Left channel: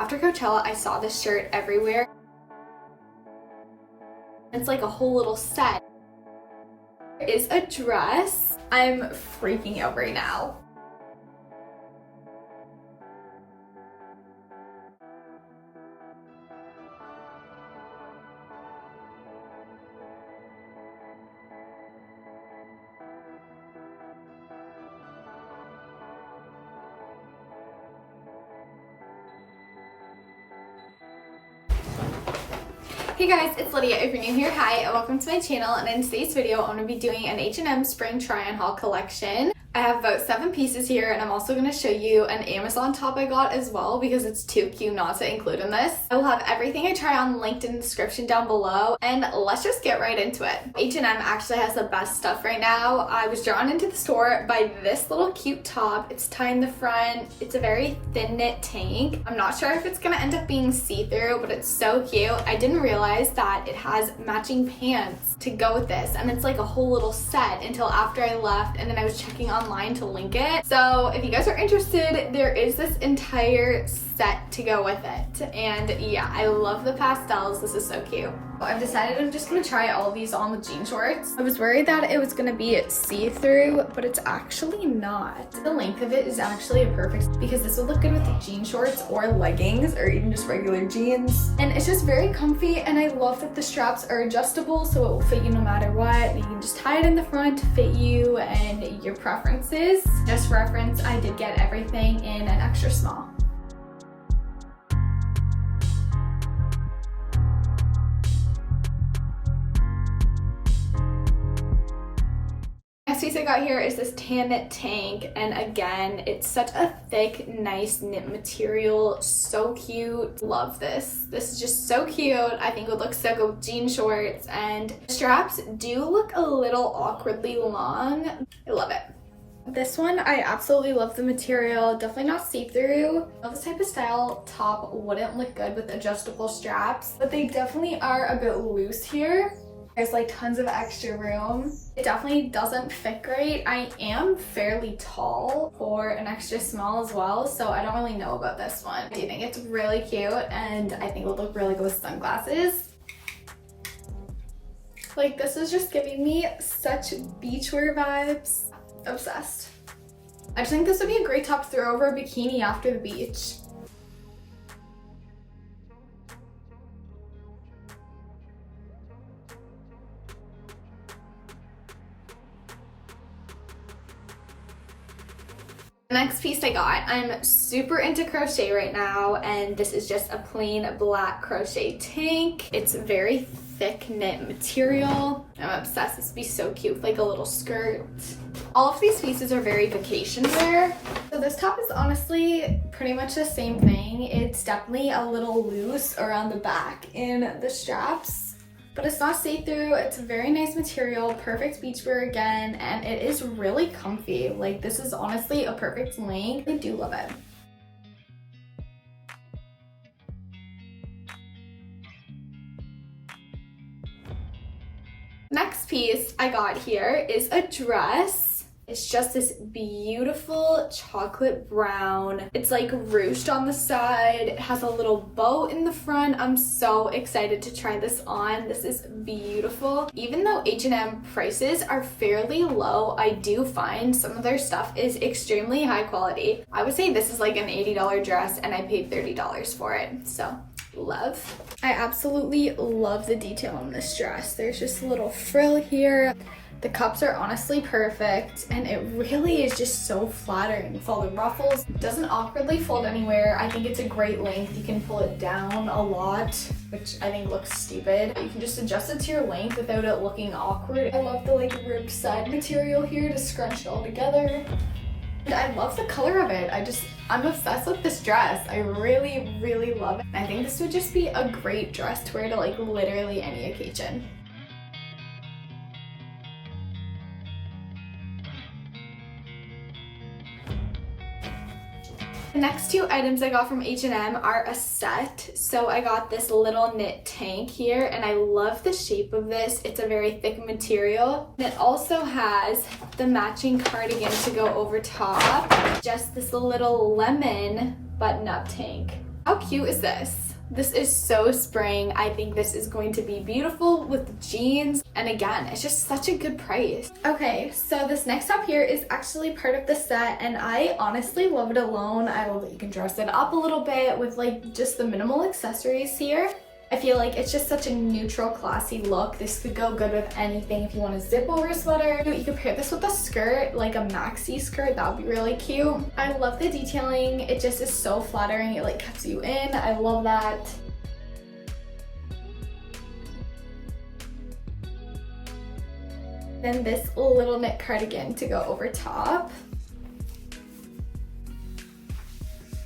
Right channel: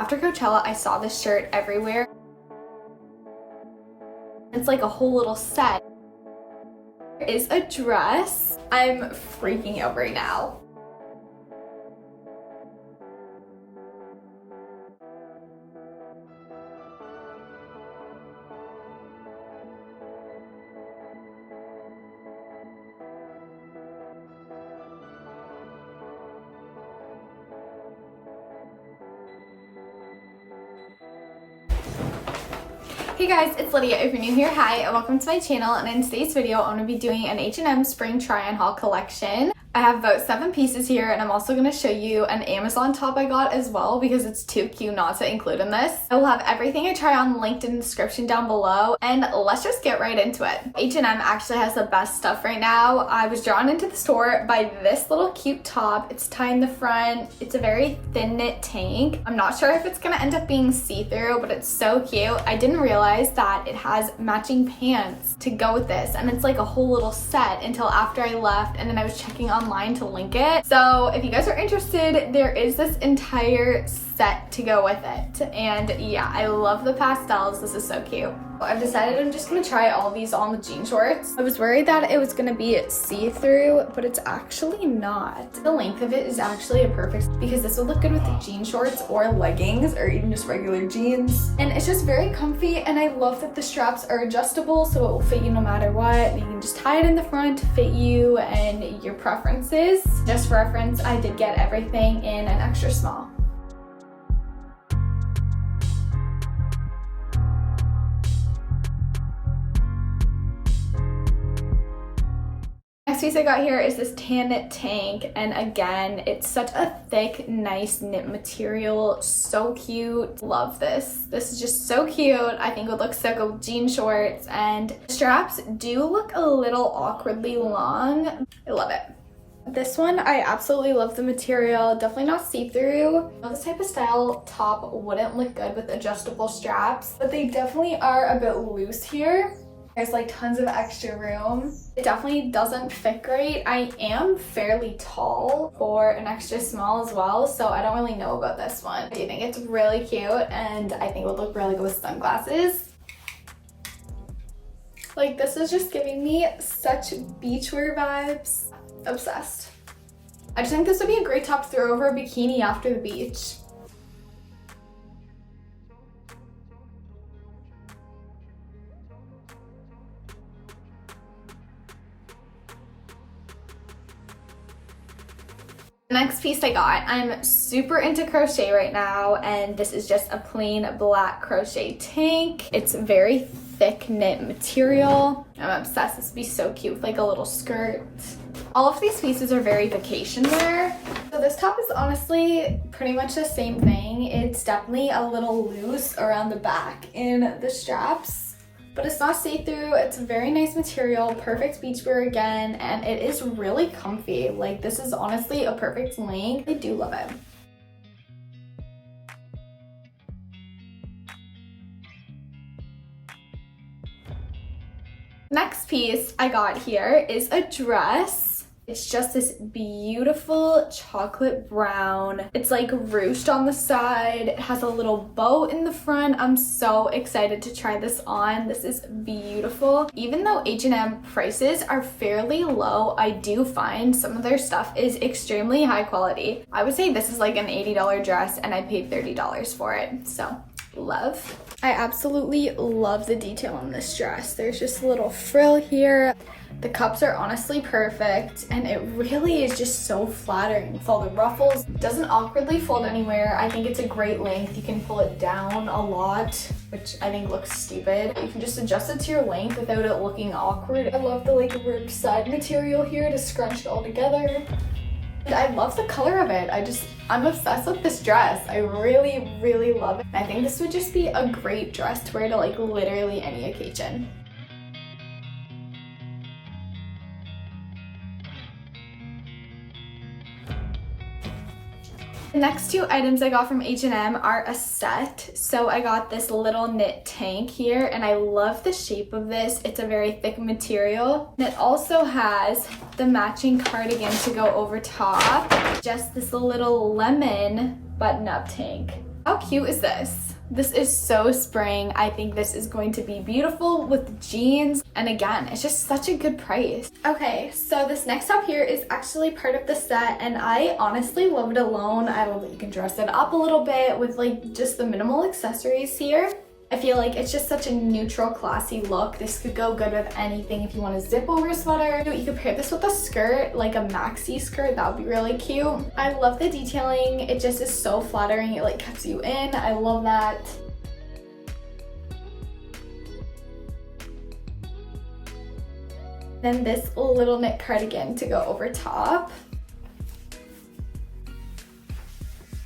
After Coachella, I saw this shirt everywhere. It's like a whole little set. It is a dress. I'm freaking out right now. Hey guys, it's Lydia. If you're new here, hi, and welcome to my channel. And in today's video, I'm going to be doing an H&M Spring Try On Haul collection. I have about 7 pieces here, and I'm also going to show you an Amazon top I got as well because it's too cute not to include in this. I will have everything I try on linked in the description down below, and let's just get right into it. H&M actually has the best stuff right now. I was drawn into the store by this little cute top. It's tied in the front. It's a very thin knit tank. I'm not sure if it's going to end up being see-through, but it's so cute. I didn't realize that it has matching pants to go with this, and it's like a whole little set until after I left, and then I was checking online to link it. So if you guys are interested, there is this entire set to go with it. And yeah, I love the pastels. This is so cute. I've decided I'm just gonna try all these on with jean shorts. I was worried that it was gonna be see-through, but it's actually not. The length of it is actually a perfect, because this would look good with the jean shorts or leggings or even just regular jeans. And it's just very comfy, and I love that the straps are adjustable so it will fit you no matter what. You can just tie it in the front to fit you and your preferences. Just reference, I did get everything in an extra small. Next piece I got here is this tan knit tank, and again, it's such a thick, nice knit material. So cute. Love this. This is just so cute. I think it would look so good with jean shorts, and the straps do look a little awkwardly long. I love it. This one, I absolutely love the material. Definitely not see-through. This type of style top wouldn't look good with adjustable straps, but they definitely are a bit loose here. There's like tons of extra room. It definitely doesn't fit great. I am fairly tall for an extra small as well, so I don't really know about this one. I do think it's really cute, and I think it would look really good with sunglasses. Like, this is just giving me such beachwear vibes. Obsessed. I just think this would be a great top to throw over a bikini after the beach. The next piece I got, I'm super into crochet right now, and this is just a plain black crochet tank. It's very thick knit material. I'm obsessed. This would be so cute with like a little skirt. All of these pieces are very vacation wear. So this top is honestly pretty much the same thing. It's definitely a little loose around the back in the straps, but it's not see-through. It's a very nice material, perfect beachwear again, and it is really comfy. Like, this is honestly a perfect length. I do love it. Next piece I got here is a dress. It's just this beautiful chocolate brown. It's like ruched on the side. It has a little bow in the front. I'm so excited to try this on. This is beautiful. Even though H&M prices are fairly low, I do find some of their stuff is extremely high quality. I would say this is like an $80 dress, and I paid $30 for it. So love. I absolutely love the detail on this dress. There's just a little frill here. The cups are honestly perfect, and it really is just so flattering with all the ruffles. It doesn't awkwardly fold anywhere. I think it's a great length. You can pull it down a lot, which I think looks stupid. You can just adjust it to your length without it looking awkward. I love the like ribbed side material here to scrunch it all together. And I love the color of it. I'm obsessed with this dress. I really, really love it. I think this would just be a great dress to wear to like literally any occasion. The next two items I got from H&M are a set. So I got this little knit tank here, and I love the shape of this. It's a very thick material. And it also has the matching cardigan to go over top. Just this little lemon button-up tank. How cute is this? This is so spring. I think this is going to be beautiful with jeans. And again, it's just such a good price. Okay, so this next top here is actually part of the set and I honestly love it alone. I love that you can dress it up a little bit with like just the minimal accessories here. I feel like it's just such a neutral, classy look. This could go good with anything. If you want to zip over a sweater, you could pair this with a skirt, like a maxi skirt. That would be really cute. I love the detailing. It just is so flattering. It like cuts you in. I love that. Then this little knit cardigan to go over top.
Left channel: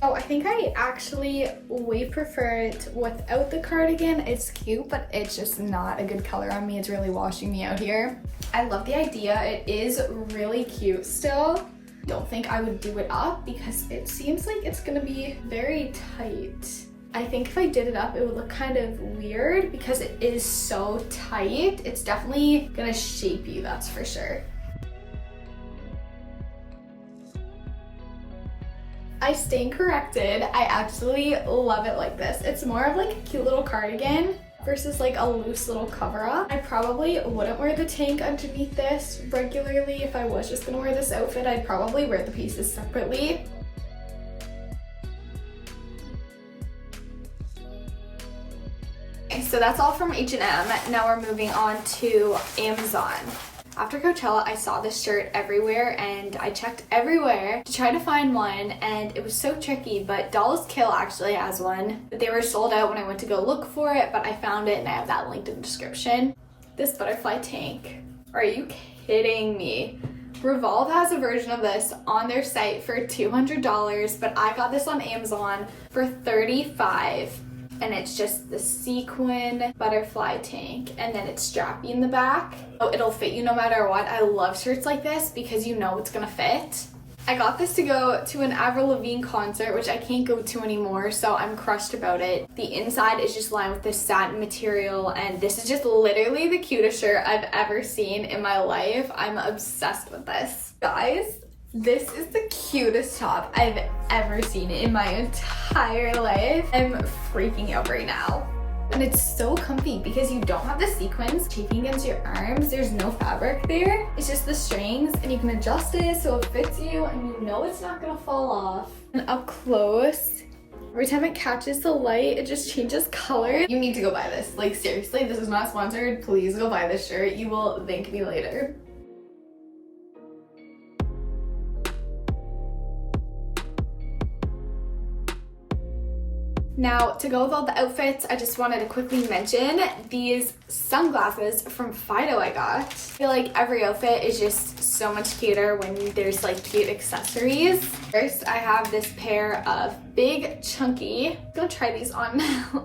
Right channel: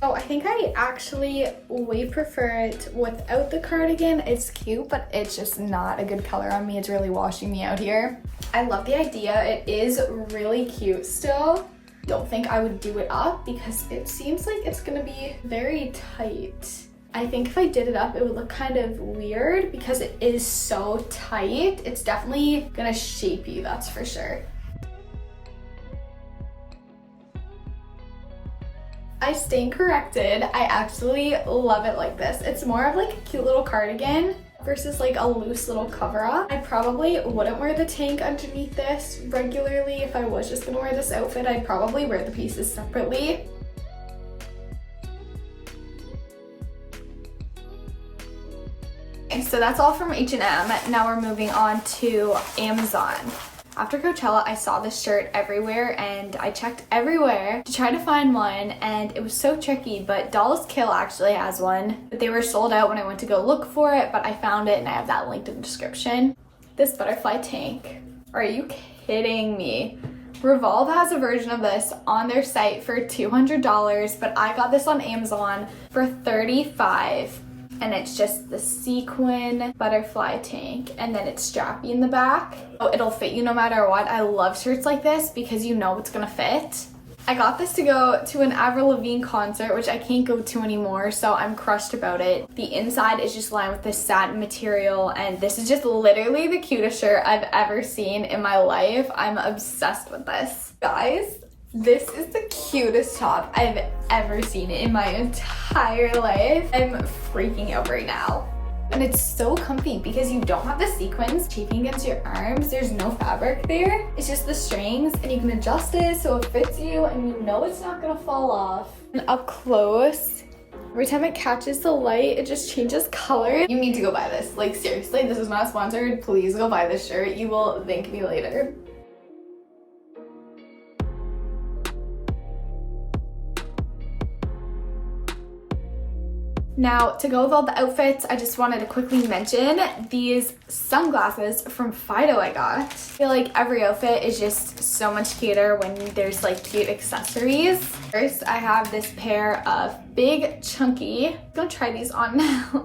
Oh, I think I actually way prefer it without the cardigan. It's cute, but it's just not a good color on me. It's really washing me out here. I love the idea. It is really cute still. Don't think I would do it up because it seems like it's gonna be very tight. I think if I did it up, it would look kind of weird because it is so tight. It's definitely gonna shape you, that's for sure. I stand corrected. I actually love it like this. It's more of like a cute little cardigan versus like a loose little cover up. I probably wouldn't wear the tank underneath this regularly. If I was just gonna wear this outfit, I'd probably wear the pieces separately. So that's all from H&M. Now we're moving on to Amazon. After Coachella, I saw this shirt everywhere and I checked everywhere to try to find one and it was so tricky, but Dolls Kill actually has one. But they were sold out when I went to go look for it, but I found it and I have that linked in the description. This butterfly tank. Are you kidding me? Revolve has a version of this on their site for $200, but I got this on Amazon for $35. And it's just the sequin butterfly tank and then it's strappy in the back. So it'll fit you no matter what. I love shirts like this because you know it's gonna fit. I got this to go to an Avril Lavigne concert, which I can't go to anymore, so I'm crushed about it. The inside is just lined with this satin material and this is just literally the cutest shirt I've ever seen in my life. I'm obsessed with this. Guys, this is the cutest top I've ever seen in my entire life. I'm freaking out right now. And it's so comfy because you don't have the sequins shaping against your arms. There's no fabric there. It's just the strings and you can adjust it so it fits you and you know it's not gonna fall off. And up close, every time it catches the light, it just changes color. You need to go buy this. Like seriously, this is not sponsored. Please go buy this shirt. You will thank me later. Now, to go with all the outfits, I just wanted to quickly mention these sunglasses from Fido I got. I feel like every outfit is just so much cuter when there's like cute accessories. First, I have this pair of big chunky, I'm gonna try these on now.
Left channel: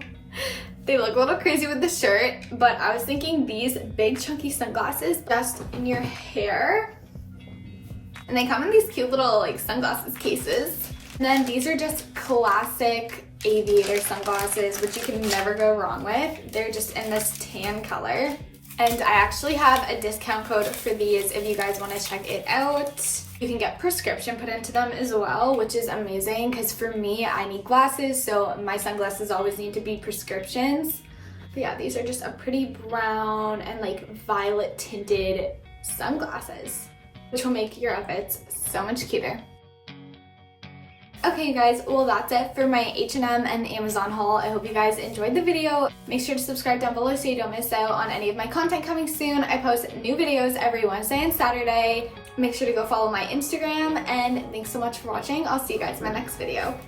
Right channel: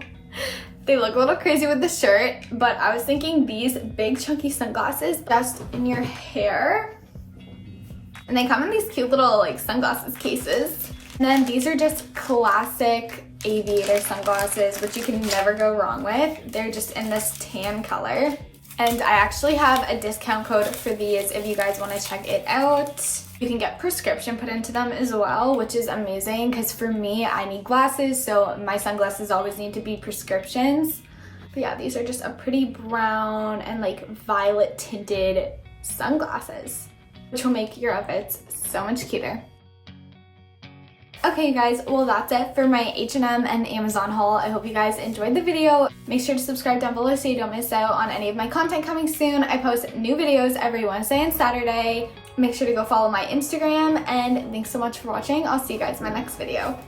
They look a little crazy with the shirt, but I was thinking these big chunky sunglasses best in your hair. And they come in these cute little like sunglasses cases. And then these are just classic aviator sunglasses, which you can never go wrong with. They're just in this tan color. And I actually have a discount code for these if you guys want to check it out. You can get prescription put into them as well, which is amazing because for me, I need glasses, so my sunglasses always need to be prescriptions. But yeah, these are just a pretty brown and like violet tinted sunglasses, which will make your outfits so much cuter. Okay, you guys, well, that's it for my H&M and Amazon haul. I hope you guys enjoyed the video. Make sure to subscribe down below so you don't miss out on any of my content coming soon. I post new videos every Wednesday and Saturday. Make sure to go follow my Instagram, and thanks so much for watching. I'll see you guys in my next video.